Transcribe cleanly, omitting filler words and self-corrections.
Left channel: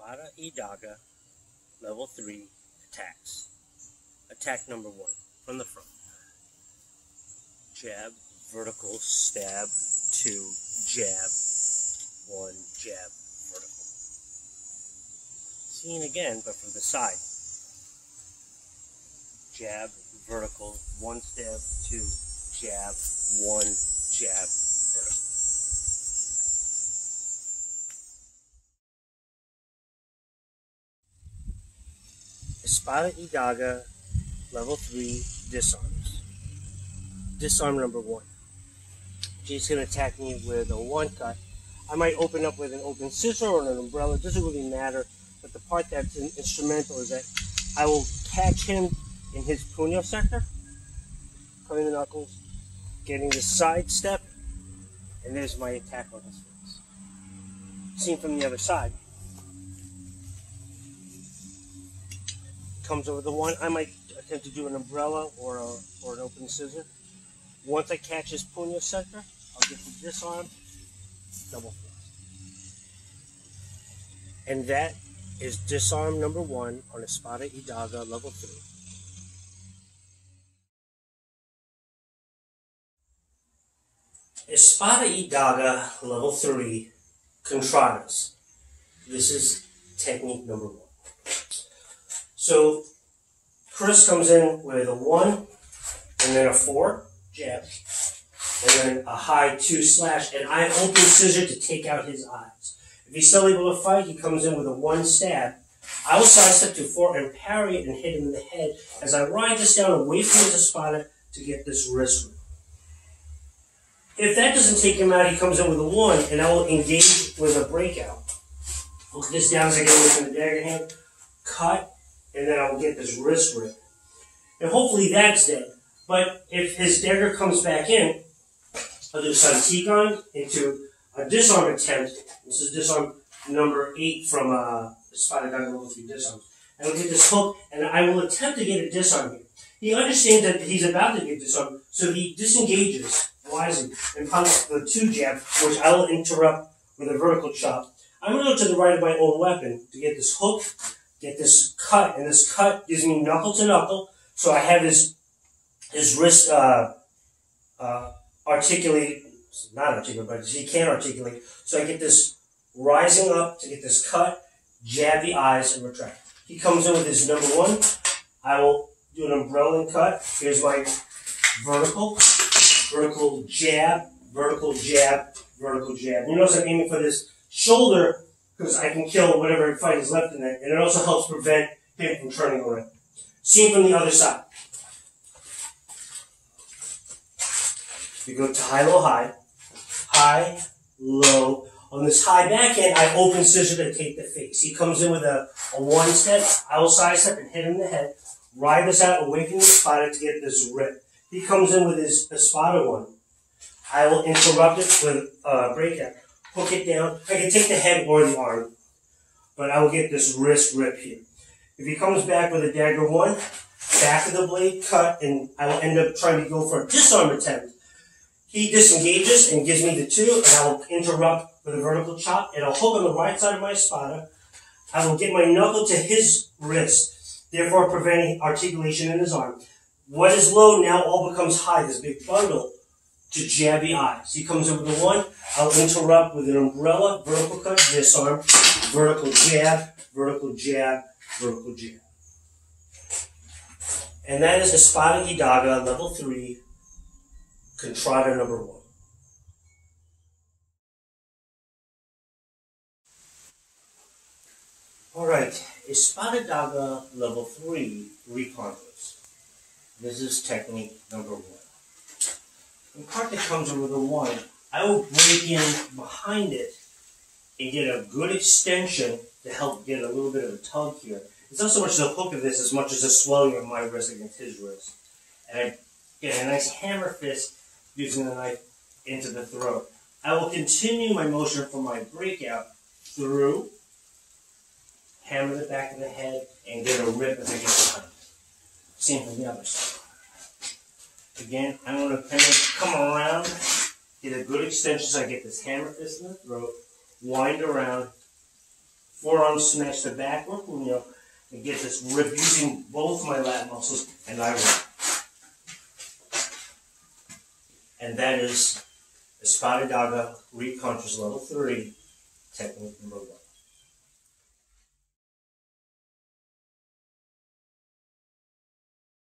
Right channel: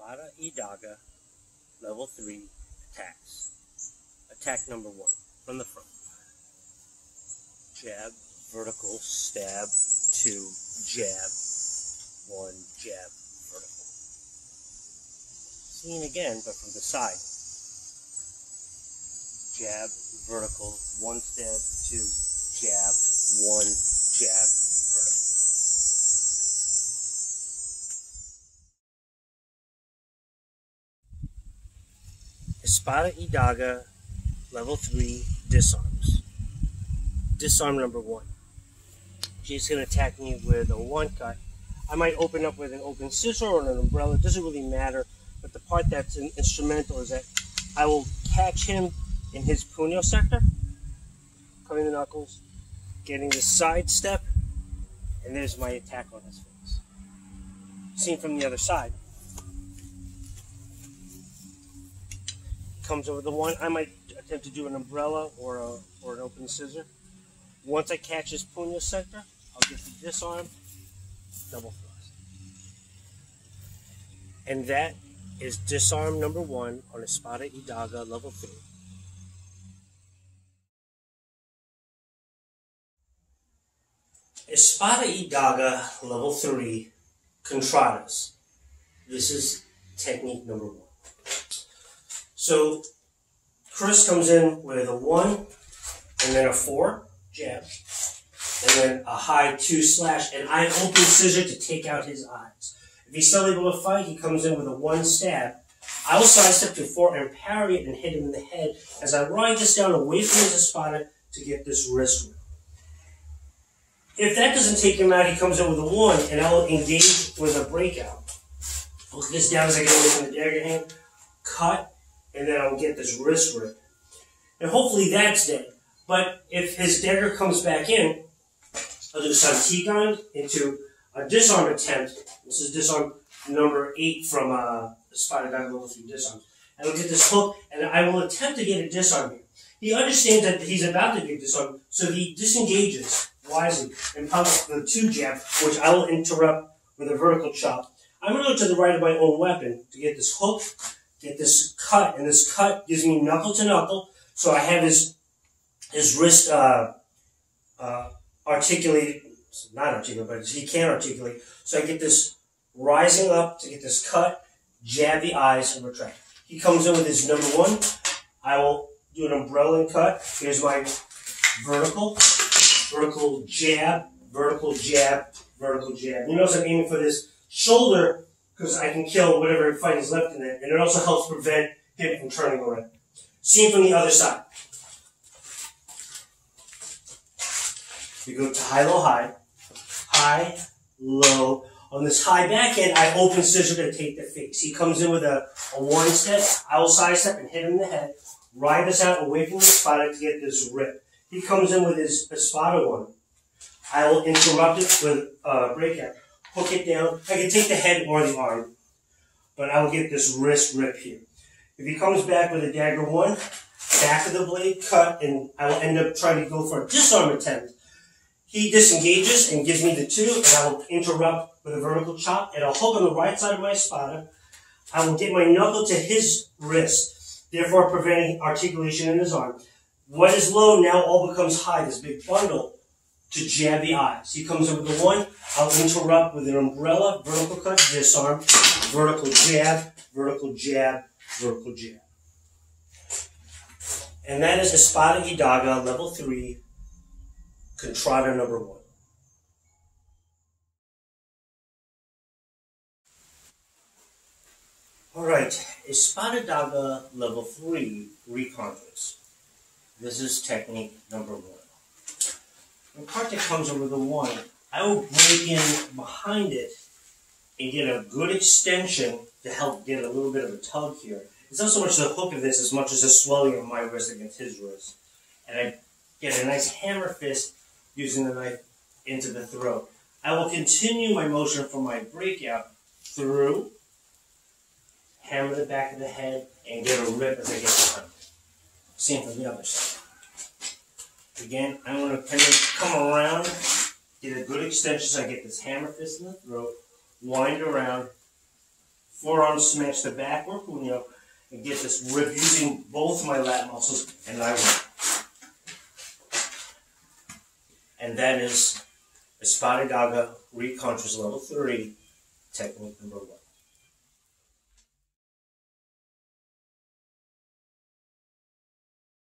Espada y Daga, level 3 attacks. Attack number 1, from the front. Jab, vertical, stab, 2, jab, 1, jab, vertical. Seen again, but from the side. Jab, vertical, 1 stab, 2, jab, 1, jab, vertical. Espada y Daga, level 3, disarms. Disarm number 1. She's going to attack me with a 1 cut. I might open up with an open scissor or an umbrella. It doesn't really matter. But the part that's instrumental is that I will catch him in his puño sector, cutting the knuckles, getting the side step, and there's my attack on his face. Seen from the other side. Comes over the 1. I might attempt to do an umbrella or an open scissor. Once I catch his puño sector, I'll get the disarm, double thrust. And that is disarm number 1 on Espada y Daga level 3. Espada y Daga level 3, contradas. This is technique number 1. So, Chris comes in with a 1, and then a 4, jab, and then a high 2 slash, and I open scissor to take out his eyes. If he's still able to fight, he comes in with a 1 stab. I will sidestep to 4 and parry it and hit him in the head as I ride this down away from his espada to get this wrist rip. If that doesn't take him out, he comes in with a 1, and I will engage with a breakout. Look this down as I get away from the dagger hand, cut, and then I will get this wrist rip. And hopefully that's dead. But if his dagger comes back in, I'll do a santigon into a disarm attempt. This is disarm number 8 from Espada Daga level 3 disarm. I will get this hook, and I will attempt to get a disarm here. He understands that he's about to get disarmed, so he disengages wisely and punches the 2 jab, which I will interrupt with a vertical chop. I'm going to go to the right of my own weapon to get this hook, get this cut, and this cut gives me knuckle to knuckle, so I have his wrist articulated, not articulated, but he can articulate. So I get this rising up to get this cut, jab the eyes, and retract. He comes in with his number 1. I will do an umbrella and cut. Here's my vertical jab, vertical jab, vertical jab. You notice I'm aiming for this shoulder because I can kill whatever fight is left in it, and it also helps prevent him from turning around. Seen from the other side. You go to high, low, high. High, low. On this high backhand, I open scissor to take the face. He comes in with a 1 step. I will sidestep and hit him in the head. Ride this out away from the espada to get this rip. He comes in with his espada 1. I will interrupt it with a breakout. Hook it down. I can take the head or the arm, but I will get this wrist rip here. If he comes back with a dagger 1, back of the blade cut, and I will end up trying to go for a disarm attempt. He disengages and gives me the 2, and I will interrupt with a vertical chop, and I'll hook on the right side of my espada. I will get my knuckle to his wrist, therefore preventing articulation in his arm. What is low now all becomes high, this big bundle, to jab the eyes. He comes in with the 1, I'll interrupt with an umbrella, vertical cut, disarm, vertical jab, vertical jab, vertical jab. And that is Espada y Daga, level 3, contrada number 1. Alright, Espada Daga, level 3, reconquest. This is technique number 1. The part that comes over the 1, I will break in behind it and get a good extension to help get a little bit of a tug here. It's not so much the hook of this as much as the swelling of my wrist against his wrist. And I get a nice hammer fist using the knife into the throat. I will continue my motion from my breakout through, hammer the back of the head, and get a rip as I get behind it. Same from the other side. Again, I'm going to kind of come around, get a good extension so I get this hammer fist in the throat, wind around, forearm smash the backward puño, and get this rip using both my lat muscles, and I rip. And that is Espada Daga Recontra's level 3, technique number 1.